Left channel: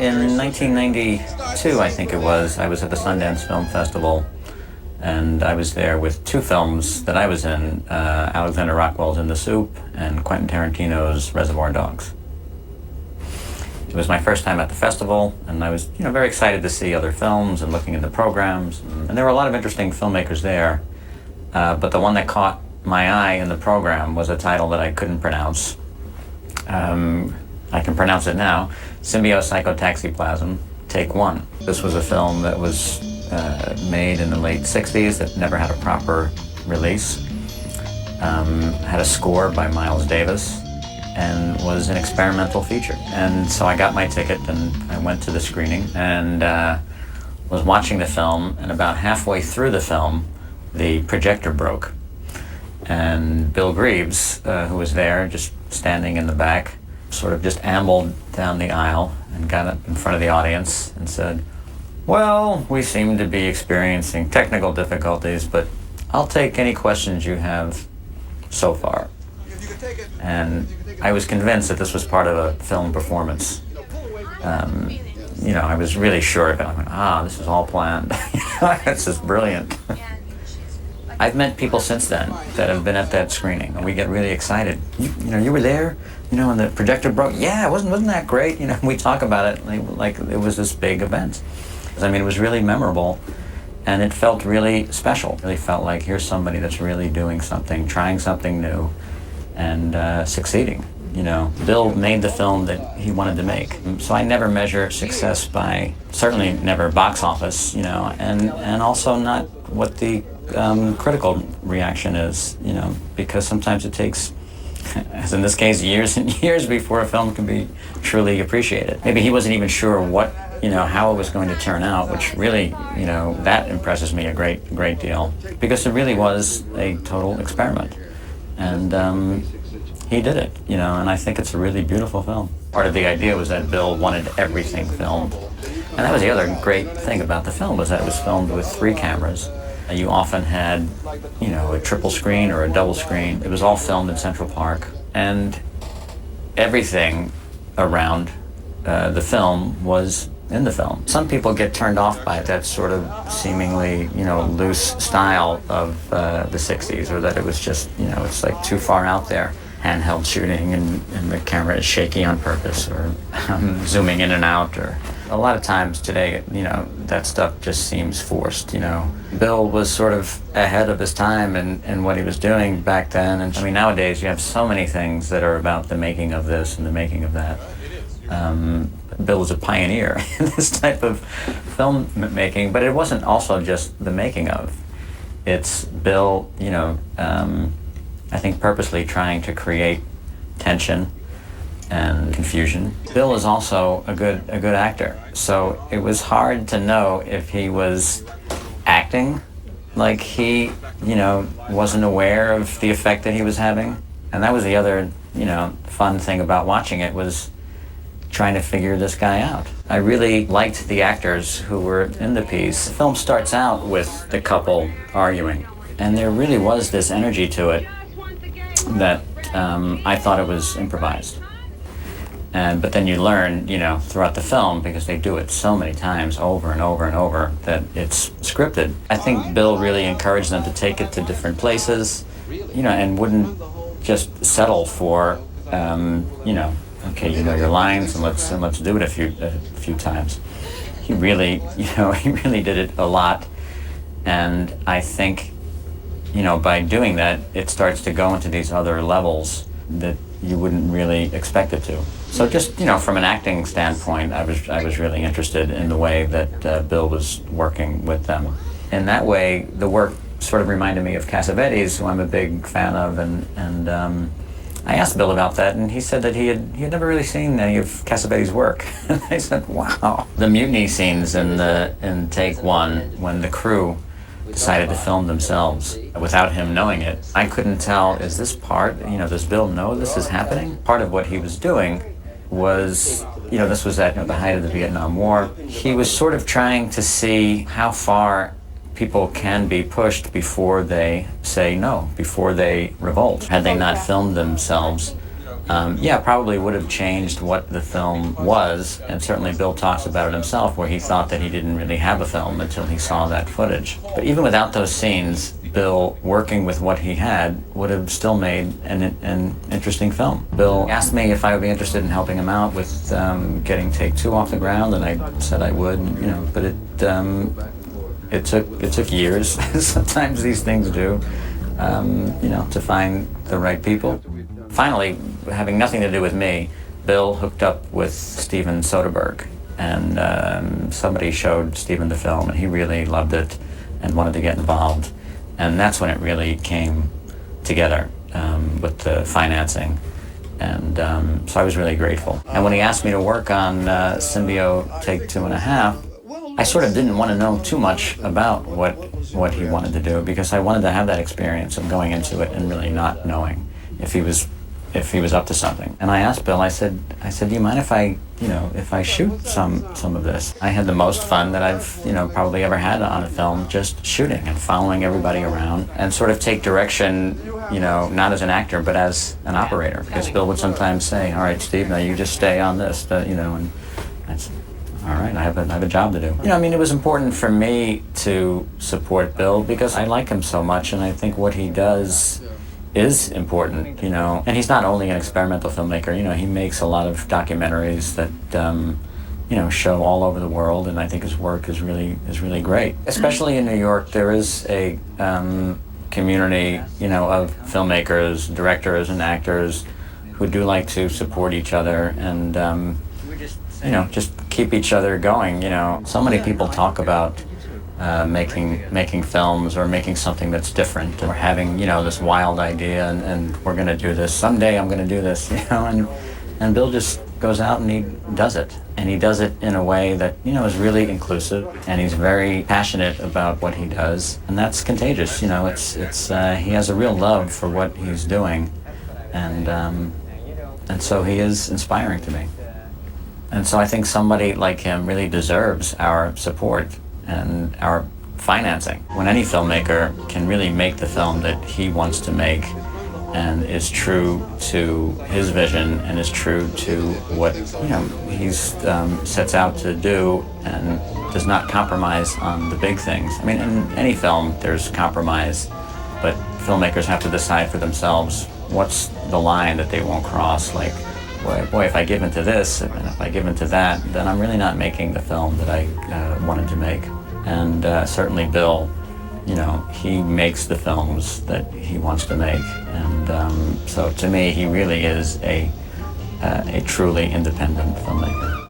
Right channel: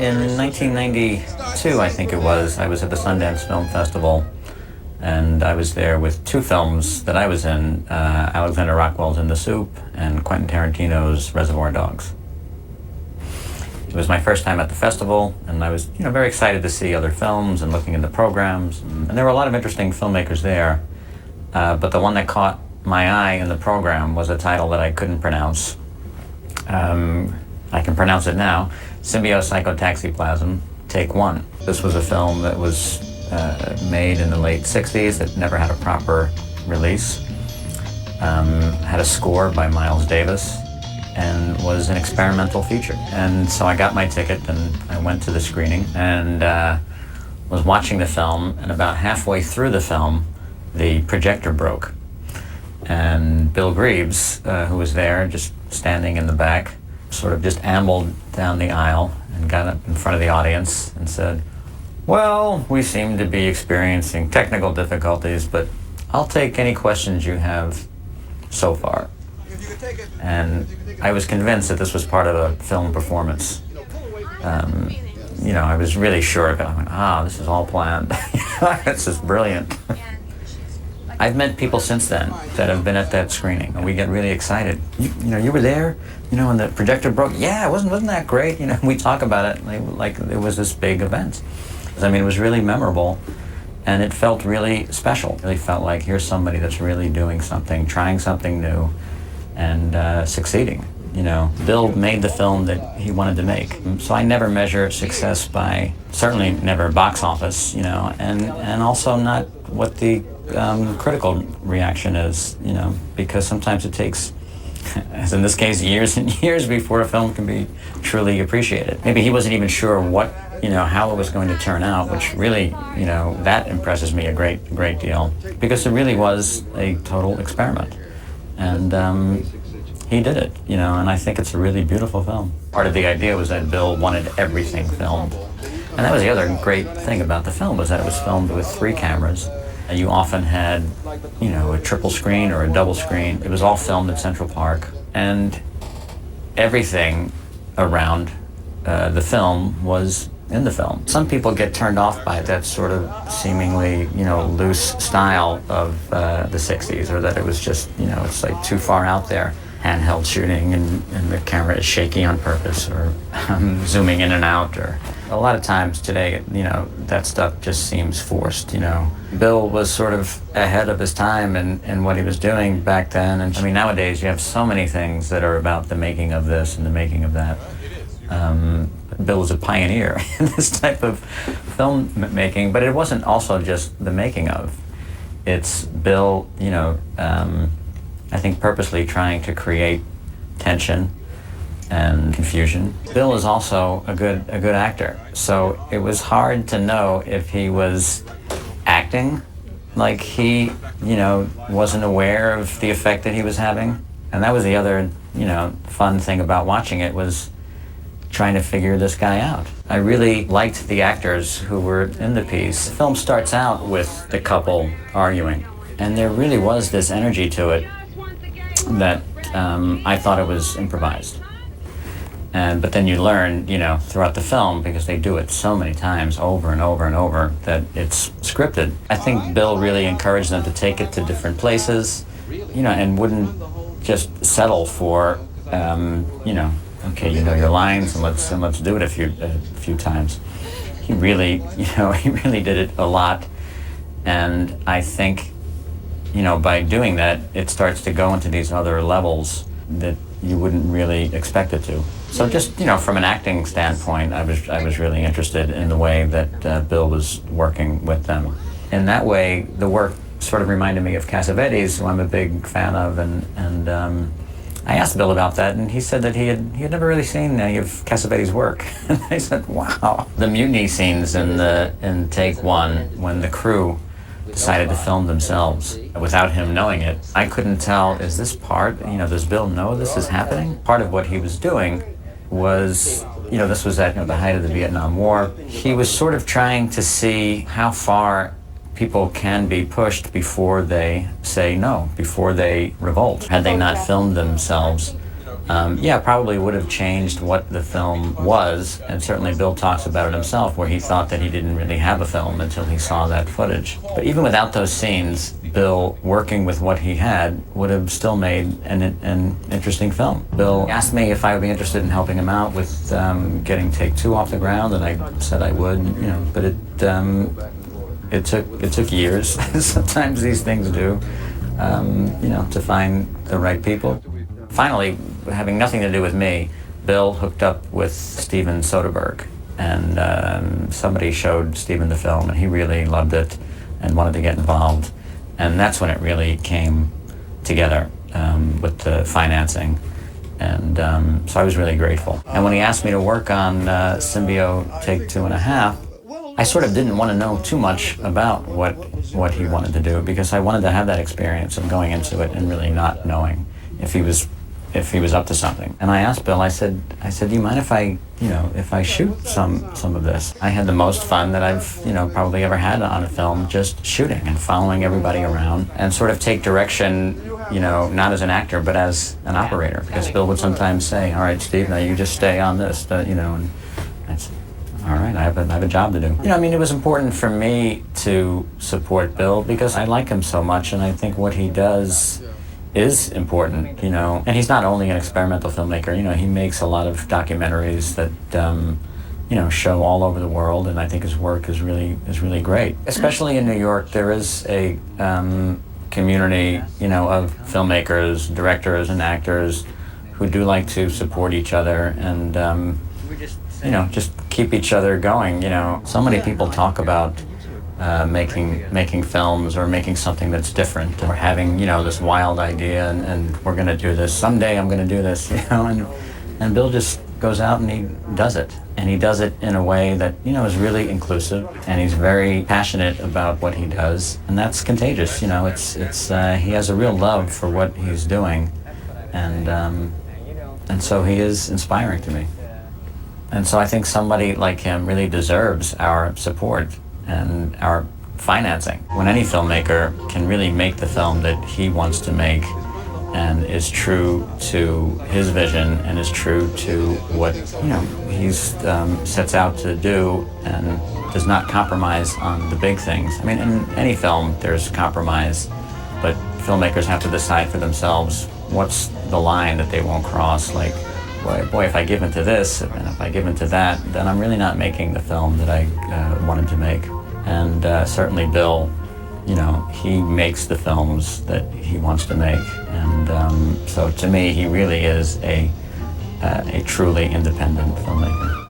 In 1992, I think it was, I was at the Sundance Film Festival, and I was there with two films that I was in, Alexander Rockwell's In the Soup and Quentin Tarantino's Reservoir Dogs. It was my first time at the festival, and I was, very excited to see other films and looking into programs. And there were a lot of interesting filmmakers there, but the one that caught my eye in the program was a title that I couldn't pronounce. I can pronounce it now: Symbiopsychotaxiplasm, Take One. This was a film that was made in the late 60s that never had a proper release. Had a score by Miles Davis, and was an experimental feature. And so I got my ticket and I went to the screening and was watching the film, and about halfway through the film, the projector broke. And Bill Greaves, who was there, just standing in the back, sort of just ambled down the aisle and got up in front of the audience and said, "Well, we seem to be experiencing technical difficulties, but I'll take any questions you have so far." And I was convinced that this was part of a film performance. I was really sure of it. I went, this is all planned. This is brilliant. I've met people since then that have been at that screening, and we get really excited. You were there, when the projector broke. Yeah, wasn't that great? We talk about it like it was this big event. It was really memorable, and it felt really special. It really felt like here's somebody that's really doing something, trying something new, and succeeding. Bill made the film that he wanted to make. So I never measure success by, certainly never box office, and also not what the critical reaction is, because sometimes it takes, as in this case, years and years before a film can be truly appreciated. Maybe he wasn't even sure what, how it was going to turn out, which really, that impresses me a great deal, because it really was a total experiment. And he did it, and I think it's a really beautiful film. Part of the idea was that Bill wanted everything filmed. And that was the other great thing about the film, was that it was filmed with 3 cameras. And you often had, a triple screen or a double screen. It was all filmed in Central Park. And everything around the film was in the film. Some people get turned off by that sort of seemingly, loose style of the 60s, or that it was just, it's like too far out there. Handheld shooting, and the camera is shaky on purpose, or zooming in and out, or a lot of times today, that stuff just seems forced, Bill was sort of ahead of his time in what he was doing back then. And nowadays you have so many things that are about the making of this and the making of that. Bill was a pioneer in this type of film making, but it wasn't also just the making of. It's Bill, I think purposely trying to create tension and confusion. Bill is also a good actor, so it was hard to know if he was acting like he, wasn't aware of the effect that he was having. And that was the other, fun thing about watching it, was trying to figure this guy out. I really liked the actors who were in the piece. The film starts out with the couple arguing, and there really was this energy to it that I thought it was improvised. But then you learn, throughout the film, because they do it so many times over and over and over, that it's scripted. I think Bill really encouraged them to take it to different places, and wouldn't just settle for, okay, your lines, and let's do it a few times. He really, he really did it a lot, and I think, by doing that, it starts to go into these other levels that you wouldn't really expect it to. So just, from an acting standpoint, I was really interested in the way that Bill was working with them. In that way, the work sort of reminded me of Cassavetes, who I'm a big fan of, and I asked Bill about that, and he said that he had never really seen any of Cassavetes' work. And I said, wow. The mutiny scenes in Take One, when the crew decided to film themselves without him knowing it, I couldn't tell, is this part, does Bill know this is happening? Part of what he was doing was, this was at the height of the Vietnam War. He was sort of trying to see how far people can be pushed before they say no, before they revolt. Had they not filmed themselves, Yeah, probably would have changed what the film was, and certainly Bill talks about it himself, where he thought that he didn't really have a film until he saw that footage. But even without those scenes, Bill, working with what he had, would have still made an interesting film. Bill asked me if I would be interested in helping him out with getting Take Two off the ground, and I said I would, but it took years. Sometimes these things do, to find the right people. Finally, having nothing to do with me, Bill hooked up with Steven Soderbergh, and somebody showed Steven the film, and he really loved it and wanted to get involved. And that's when it really came together with the financing. And so I was really grateful. And when he asked me to work on Symbio Take 2.5, I sort of didn't want to know too much about what he wanted to do, because I wanted to have that experience of going into it and really not knowing if he was up to something. And I asked Bill, I said, do you mind if I shoot some of this? I had the most fun that I've, probably ever had on a film, just shooting and following everybody around and sort of take direction, not as an actor, but as an operator. Because Bill would sometimes say, all right, Steve, now you just stay on this, and I'd say, all right, I have a job to do. It was important for me to support Bill because I like him so much, and I think what he does is important, And he's not only an experimental filmmaker, he makes a lot of documentaries that, show all over the world, and I think his work is really great. Especially in New York, there is a community, of filmmakers, directors, and actors who do like to support each other and, just keep each other going, So many people talk about making films or making something that's different or having, this wild idea and we're going to do this. Someday I'm going to do this, and Bill just goes out and he does it. And he does it in a way that, is really inclusive, and he's very passionate about what he does. And that's contagious, it's he has a real love for what he's doing. And so he is inspiring to me. And so I think somebody like him really deserves our support and our financing. When any filmmaker can really make the film that he wants to make and is true to his vision and is true to what he's sets out to do and does not compromise on the big things. In any film there's compromise, but filmmakers have to decide for themselves what's the line that they won't cross. Like, boy, if I give into this and if I give into that, then I'm really not making the film that I wanted to make. And certainly Bill, he makes the films that he wants to make. And so to me, he really is a truly independent filmmaker.